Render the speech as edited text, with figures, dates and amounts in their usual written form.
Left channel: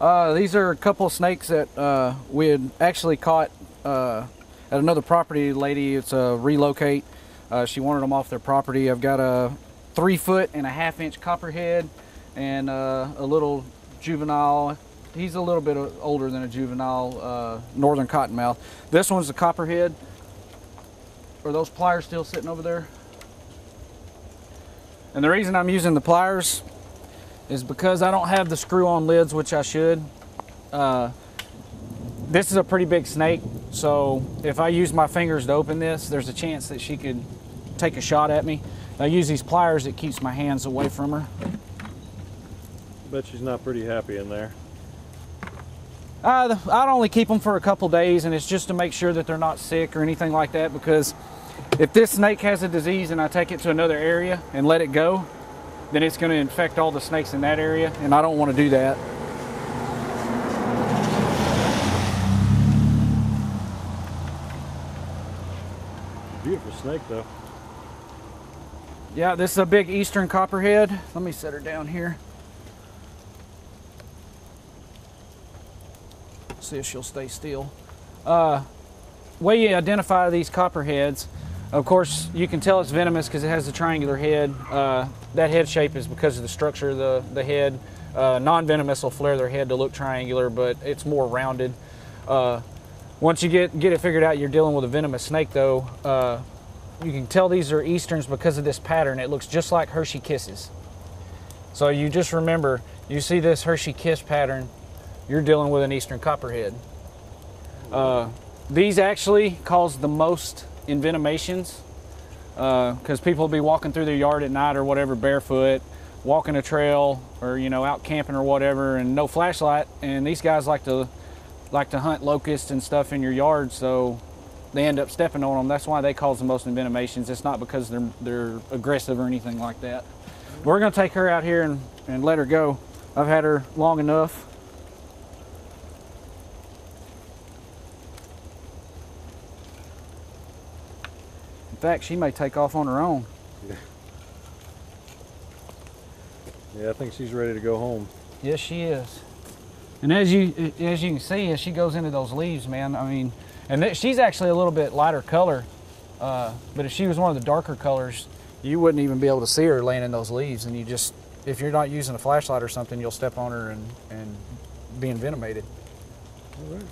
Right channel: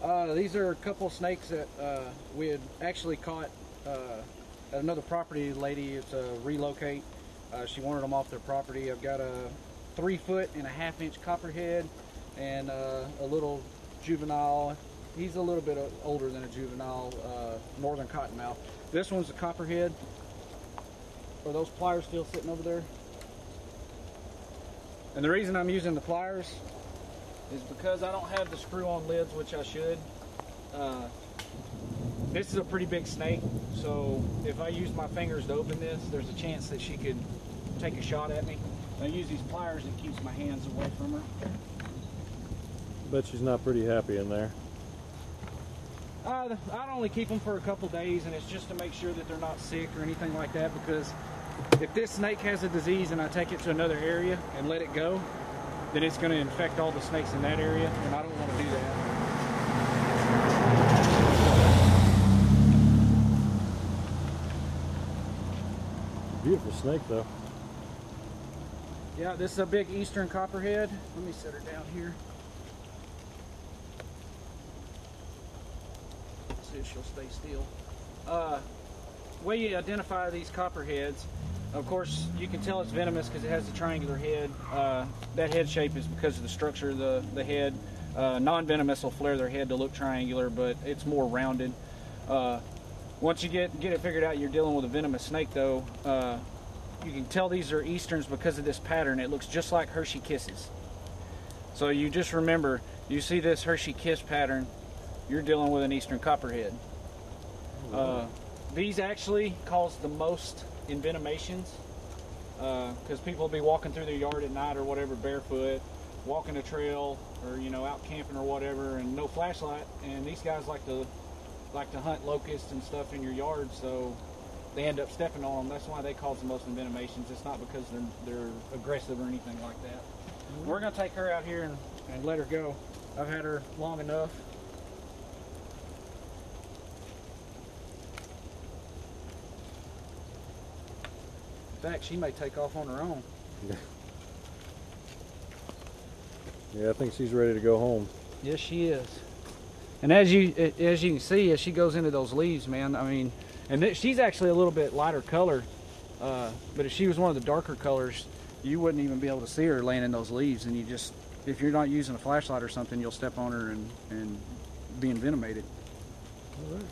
These are a couple of snakes that we had actually caught at another property lady. It's a relocate. She wanted them off their property. I've got a 3.5 inch copperhead and a little juvenile. He's a little bit older than a juvenile northern cottonmouth. This one's a copperhead. Are those pliers still sitting over there? And the reason I'm using the pliers is because I don't have the screw-on lids, which I should. This is a pretty big snake, so if I use my fingers to open this, there's a chance that she could take a shot at me. I use these pliers, it keeps my hands away from her. Bet she's not pretty happy in there. I'd only keep them for a couple days, and it's just to make sure that they're not sick or anything like that, because if this snake has a disease and I take it to another area and let it go, then it's going to infect all the snakes in that area, and I don't want to do that. Beautiful snake though. Yeah, this is a big eastern copperhead. Let me set her down here. See if she'll stay still. Way you identify these copperheads, of course, you can tell it's venomous because it has a triangular head. That head shape is because of the structure of the head. Non-venomous will flare their head to look triangular, but it's more rounded. Once you get it figured out you're dealing with a venomous snake, though, you can tell these are easterns because of this pattern. It looks just like Hershey Kisses. So you just remember, you see this Hershey Kiss pattern, you're dealing with an eastern copperhead. These actually cause the most envenomations because people will be walking through their yard at night or whatever barefoot, walking a trail, or out camping or whatever, and no flashlight, and these guys like to hunt locusts and stuff in your yard, so they end up stepping on them. That's why they cause the most envenomations. It's not because they're aggressive or anything like that. We're going to take her out here and let her go. I've had her long enough. In fact, she may take off on her own. Yeah, I think she's ready to go home. Yes, she is. And as you can see, as she goes into those leaves, man, I mean, and she's actually a little bit lighter color, but if she was one of the darker colors, you wouldn't even be able to see her laying in those leaves, and if you're not using a flashlight or something, you'll step on her and be envenomated. All right.